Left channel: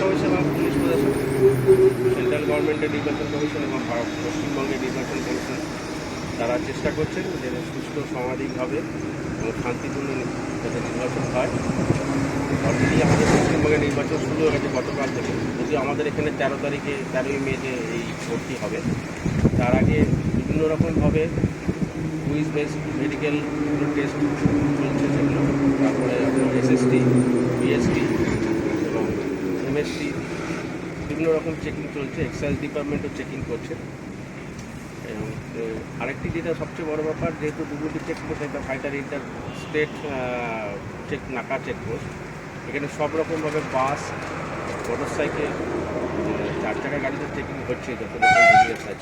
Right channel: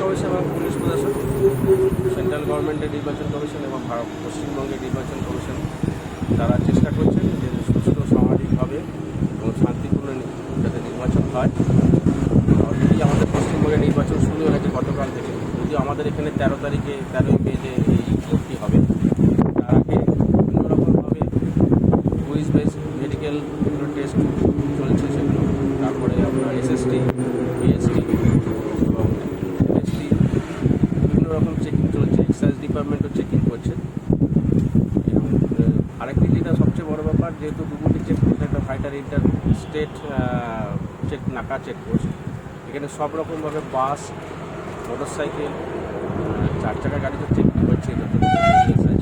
Commission এবং police প্রশাসন, central গভর্নমেন্টের নির্বাচন কমিশন এবং পশ্চিমবঙ্গের নির্বাচন কমিশন তারা চেষ্টা করছেন যে সুষ্ঠ সামাজিকভাবে এবং শান্তিপূর্ণ যাতে নির্বাচন হয়। অলরেডি আমাদের পশ্চিমবঙ্গের নির্বাচন শুরু হয়ে গেছে গতকাল থেকে, যদিও আমাদের এখানে 13ই মে যে এই ভোটটি হবে, তার আগে বিভিন্ন রকমভাবে কুইজ বেস মেডিকেল টেস্ট চলছে সেগুলো, তারপরে আপনার এসএসটি, বিএসটি এবং এমএসটি বিভিন্ন রকম চেকিং চলছে। এক্সাইজ ডিপার্টমেন্টও চেকিং করছে। এবং আরেকটি যেটা সবচেয়ে বড় ব্যাপার, যেহেতু ডুবুরি চেকপোস্ট একটা ফাইটার ইন্টার স্টেট নাকা চেকপোস্ট, এখানে সব রকমভাবে বাস, মোটর সাইকেল, 4 চাকার গাড়িতে চেকিং করছে, যত আছে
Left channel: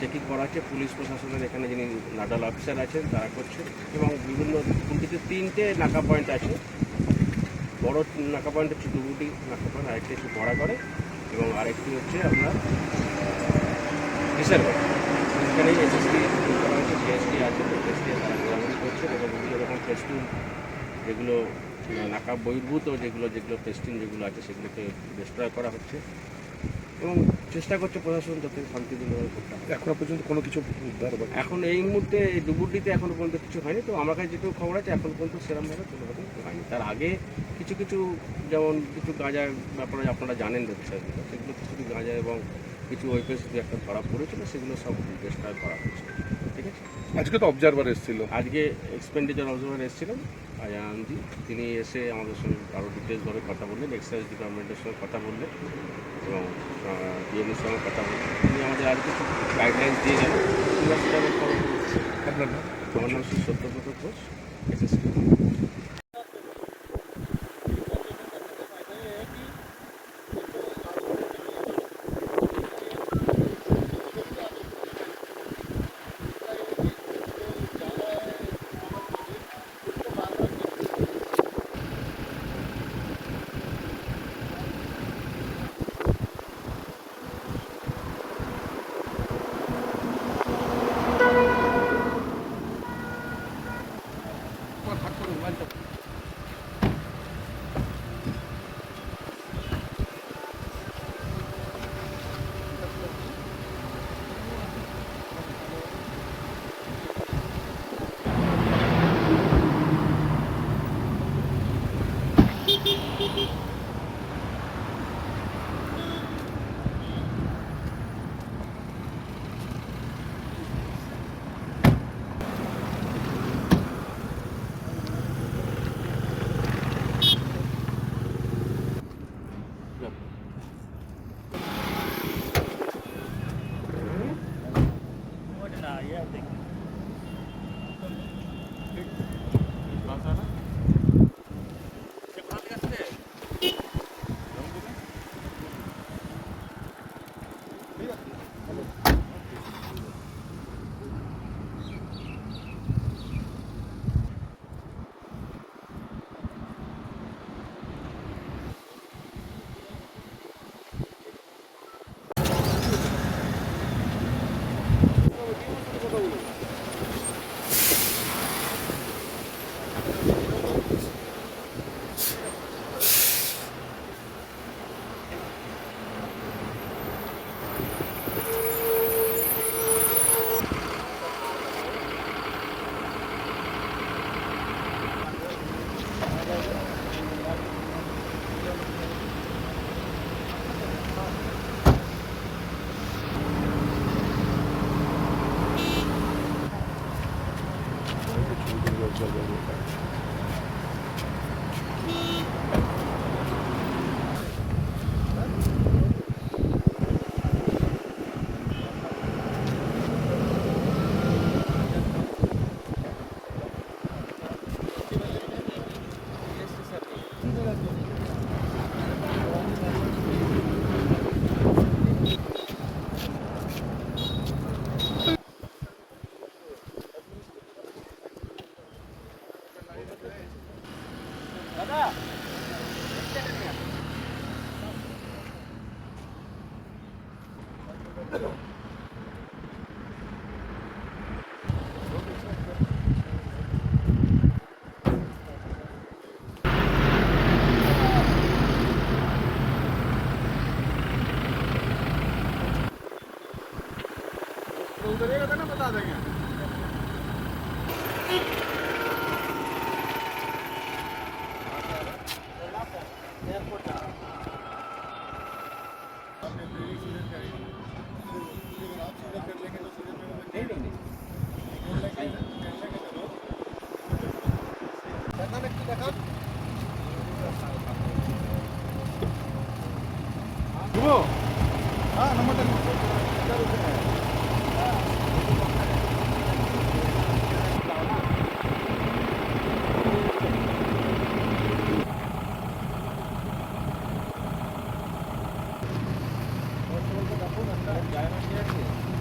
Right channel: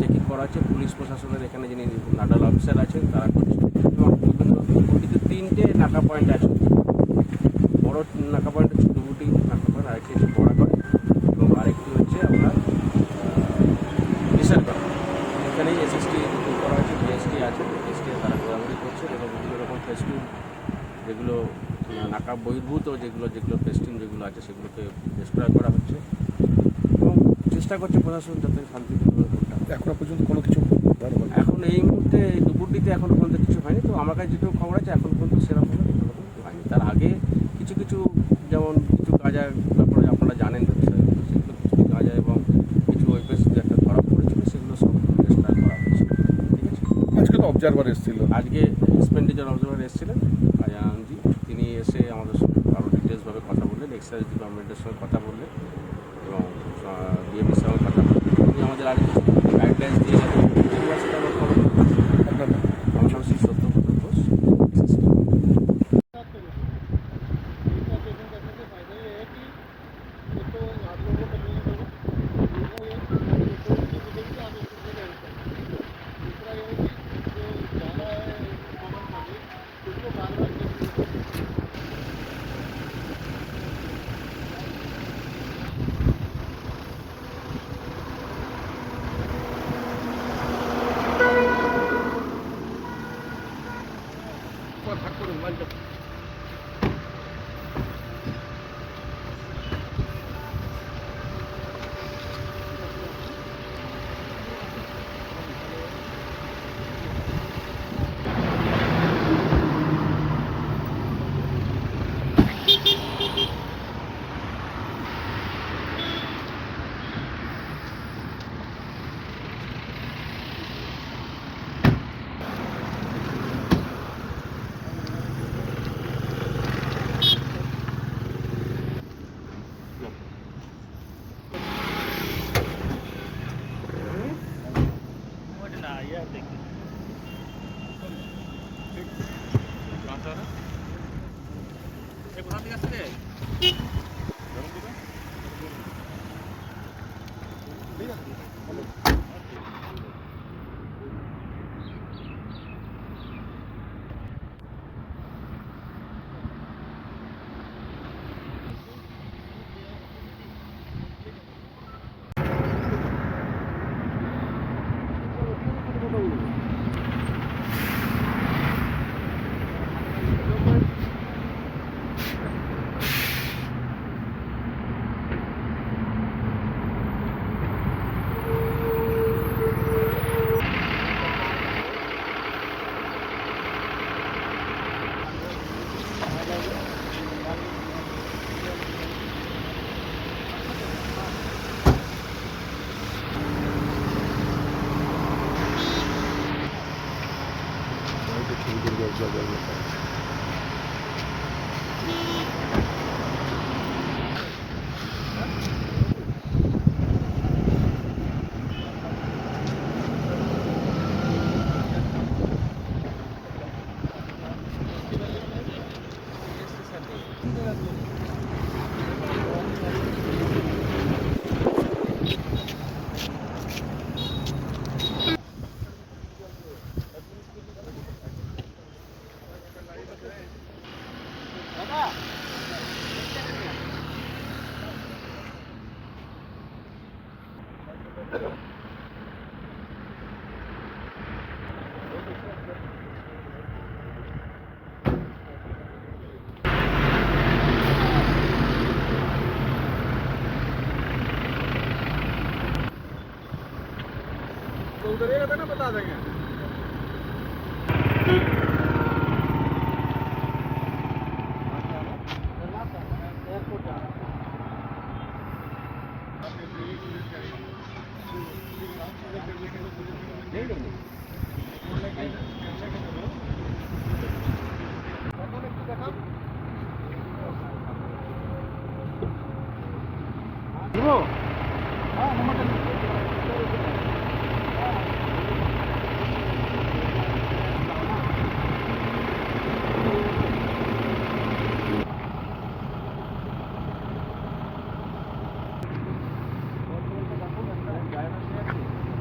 চেকিং করা হচ্ছে। পুলিশ প্রশাসনের এখানে যিনি নাডাল অফিসার আছেন তারা করছে। এবং বিভিন্ন ডুবুরিতে 3টে নাকা পয়েন্ট আছে। বড় নাকা পয়েন্ট হচ্ছে ডুবুরি নাকা পয়েন্ট, আরেকটি হচ্ছে বড়া করে এবং আরেকটি হচ্ছে আপনার রিসার করে। এখানেই এসএসটি করা হয়েছে, জিএসটি আছে, এসএসটি তারা ঘোরাঘুরি করছেন এবং বিভিন্ন রকম ফেস্টিং যেগুলো নাকা বহির্ভূত যেগুলো ফেস্টিং যেগুলো আছে সেগুলোকে ডিস্ট্রয় করা হচ্ছে এবং চেষ্টা করছে প্রশাসন যাতে শান্তিপূর্ণভাবে করতে হবে। এখনো পর্যন্ত কোনো কিছু এখন এই মুহূর্তে এই ডুবুরিতে এখনও পর্যন্ত কিছু হয়নি। তো আমার কাছে যেটুকু খবর আছে এখন পর্যন্ত সেরকমভাবে কোনোরকম কিছু হয়নি। তার আগে কিছু যেমন কিছু গাঁজার ব্যাপারে আপনারা জানেন বিষয়গুলো, সেগুলো কিছু গাঁজা এবং কিছু ওয়েপেস একটা ধরা পড়েছিল, সেগুলো সব ডিস্ট্রয় করা হচ্ছে। ঠিক আছে, আজকে তো অবজারভার এসেছিল, আজকে এক্সপেন্ডিচার অবজারভার এসেছিলেন আনন্দি, তিনি এসে আমাদের সঙ্গে আরও ডিটেলসভাবে কথা বললেন, এক্সাইজ ডিপার্টমেন্টের সঙ্গে কথা বললেন এবং ডিএমের সঙ্গে কথা বললেন। তিনি আমাদের আজকে গাইডলাইন্স দিয়ে যাবেন, তোমরা সেটা আবার ফলো করবো। আপনার আমার নাম শ্রী সত্যব্রত ঘোষ, এসএসসি।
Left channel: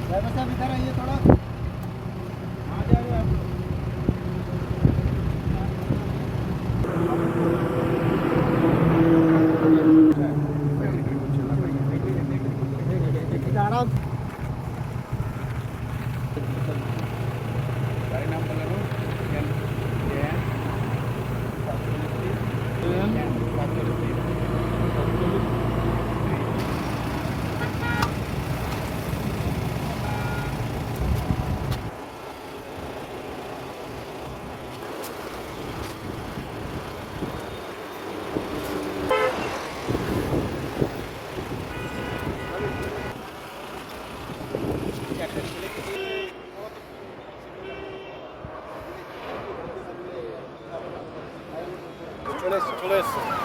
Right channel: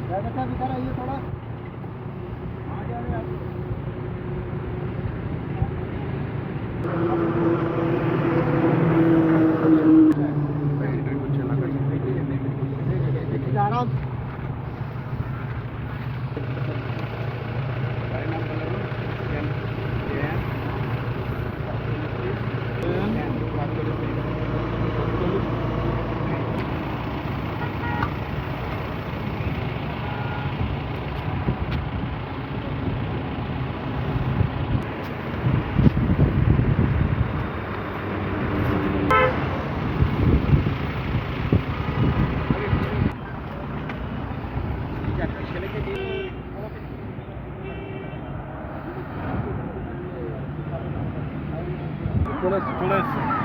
ड्राइवर साहब इधर आइए थोड़ा आ जाओ आप आराम চলে এসছে